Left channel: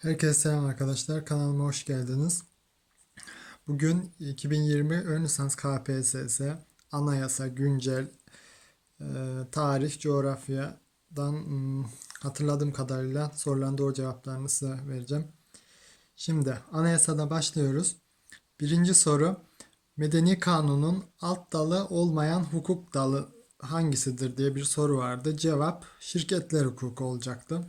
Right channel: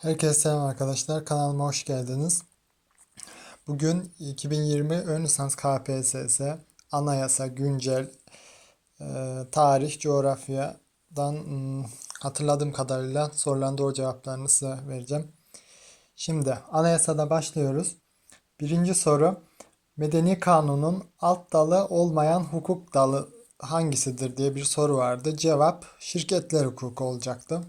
Herkese selam arkadaşlar. Kanalıma hoş geldiniz. Bugün 2020 ön lisans KPSS, anayasa, güncel, e, tarih, coğrafyadan hmm, hatırladığım kadarıyla soruların doğru cevaplarını size vereceğim. Şimdi anayasada başlıyoruz. Birinci soru. Medeni kanunun alt dalı olmayan hukuk dalı hangisidir diye bir soru vardı. Cevap şirketler hukuku olacaktı.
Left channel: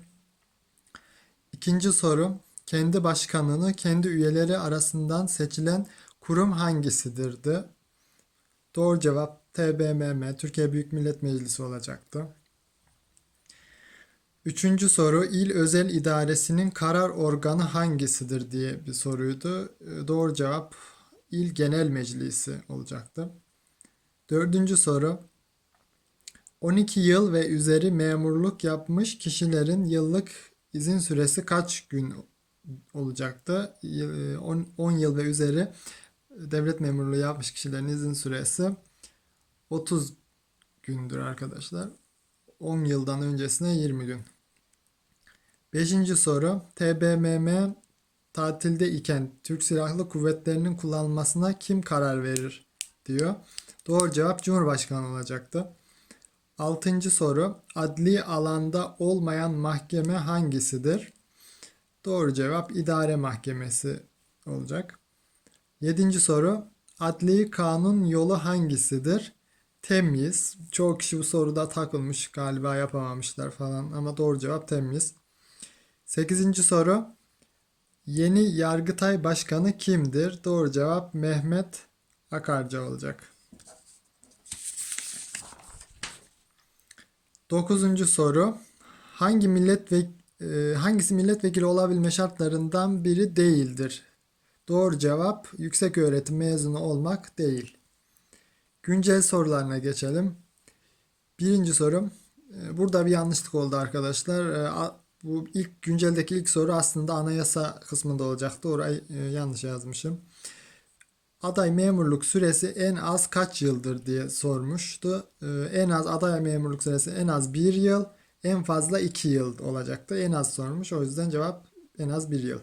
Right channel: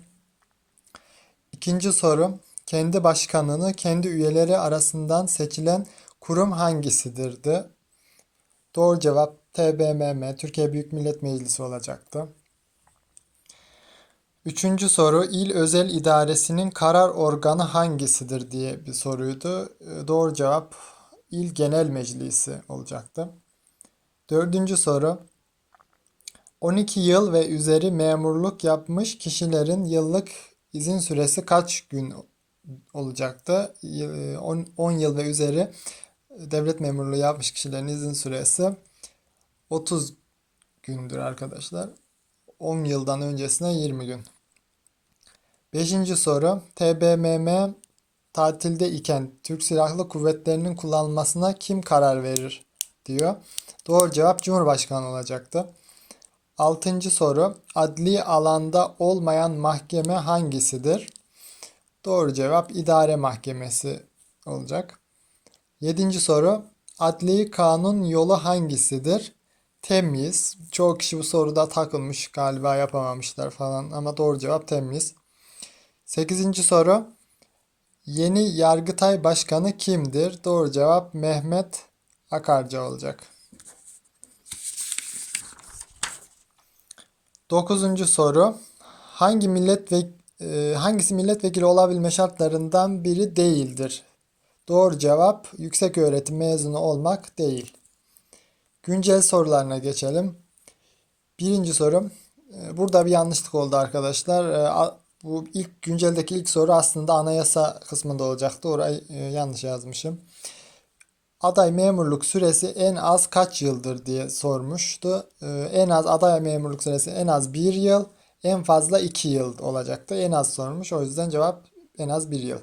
İkinci soru. Kendi başkanını kendi üyeleri arasından seçilen kurum hangisidirdi? Doğru cevap TBMM, Türkiye Büyük Millet Meclisi olacaktı. Üçüncü soru. İl özel idaresinin karar organı hangisidir diye bir soruydu. Ee, Doğru cevap İl Genel Meclisi olacaktı. Dördüncü soru. 12 yıl ve üzeri memurluk yapmış kişilerin yıllık izin süresi kaç gün olacaktı? Y- 10 10 yıl ve üzeri devlet memurluğu yapmış kişilerin izin süresi 30 gündür arkadaşlar. 10 yıldan öncesine 20 gün. Beşinci soru. TBMM tatilde iken Türk Silahlı Kuvvetleri'nin kullanılmasına kim karar verir diyor. Doğru cevap Cumhurbaşkanı olacaktı. Altıncı soru. Adli alanda olmayan mahkeme hangisidir? Doğru cevap idare mahkemesi olacak. Yedinci soru. Adli kanun yolu hangisidir? Temyiz. Çoğu kişi bu soruda takılmış galiba yapamamışlar falan ama doğru cevap temyiz. Sekizinci soru. Yeni Yargıtay Başkanı kimdir? Doğru cevap Mehmet Akarca olacak. Dokuzuncu soru. Hangi millet ve e, hangisi milletvekili olabilme şartlarından biri değildir? Doğru cevap yüksek öğretim mezunu olmak değil. Güncel sorularına geçelim. Birinci sorum. e, Burada bir yanlışlık oldu arkadaşlar. E, Bu ilk günceldeki ilk soru aslında anayasa kısmında olacaktı. Orayı yanlış yazmışım. Aday memurluk süresi en az kaç yıldır diye sormuştu. Ee, en az aday memurluk süresi en az bir yıl, en fazla iki yıl olacaktı. En az sormuş. O yüzden cevap en az bir yıl.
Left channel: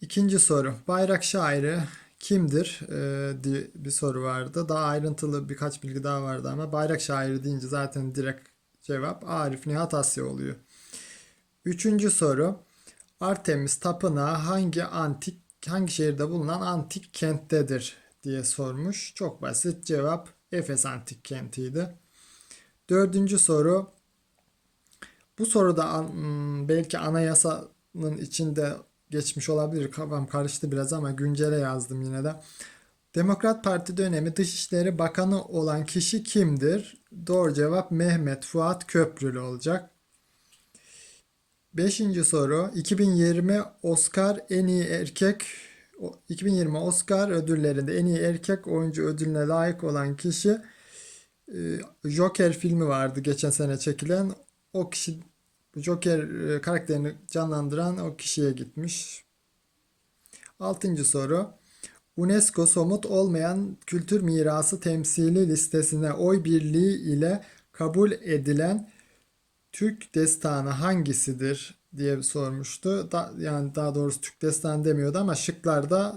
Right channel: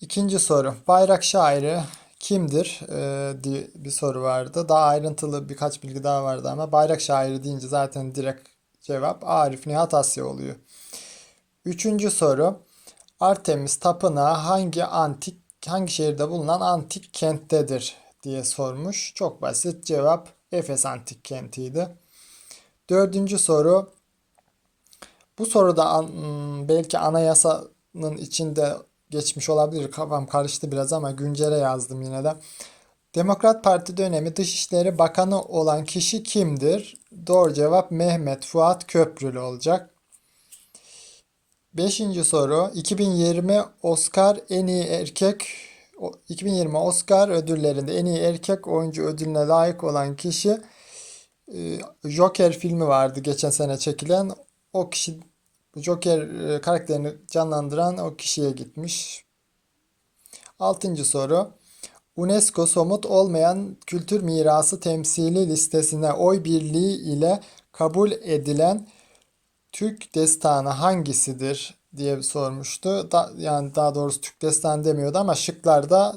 İkinci soru. Bayrak şairi kimdir Ee, diye bir soru vardı. Daha ayrıntılı birkaç bilgi daha vardı ama bayrak şairi deyince zaten direkt cevap Arif Nihat Asya oluyor. Üçüncü soru. Artemis Tapınağı hangi antik hangi şehirde bulunan antik kenttedir diye sormuş. Çok basit cevap Efes antik kentiydi. Dördüncü soru. Bu soruda hmm, belki anayasanın içinde geçmiş olabilir. Kafam karıştı biraz ama güncele yazdım yine de. Demokrat Parti dönemi Dışişleri Bakanı olan kişi kimdir? Doğru cevap Mehmet Fuat Köprülü olacak. Beşinci soru. 2020 Oscar en iyi erkek o- 2020 Oscar ödüllerinde en iyi erkek oyuncu ödülüne layık olan kişi e, Joker filmi vardı geçen sene çekilen. O kişi Joker e, karakterini canlandıran o kişiye gitmiş. Altıncı soru. UNESCO somut olmayan kültür mirası temsili listesine oy birliği ile kabul edilen Türk destanı hangisidir diye sormuştu. Da, yani daha doğrusu Türk destanı demiyordu ama şıklarda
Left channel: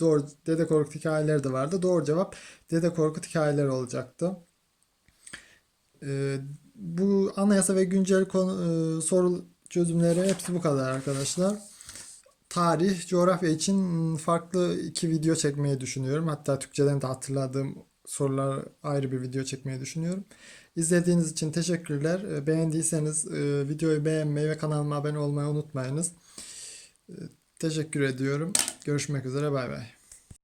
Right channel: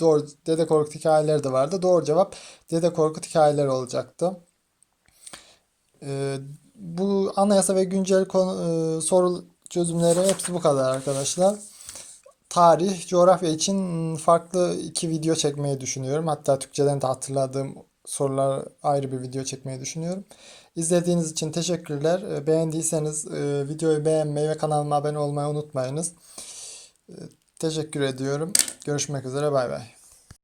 doğru Dede Korkut hikayeleri de vardı. Doğru cevap Dede Korkut hikayeleri olacaktı. Ee, bu anayasa ve güncel konu, e, soru çözümleri hepsi bu kadar arkadaşlar. Tarih, coğrafya için farklı iki video çekmeyi düşünüyorum. Hatta Türkçeden de hatırladığım sorular ayrı bir video çekmeyi düşünüyorum. İzlediğiniz için teşekkürler. Ee, Beğendiyseniz e, videoyu beğenmeyi ve kanalıma abone olmayı unutmayınız. Ee, Teşekkür ediyorum. Görüşmek üzere. Bay bay.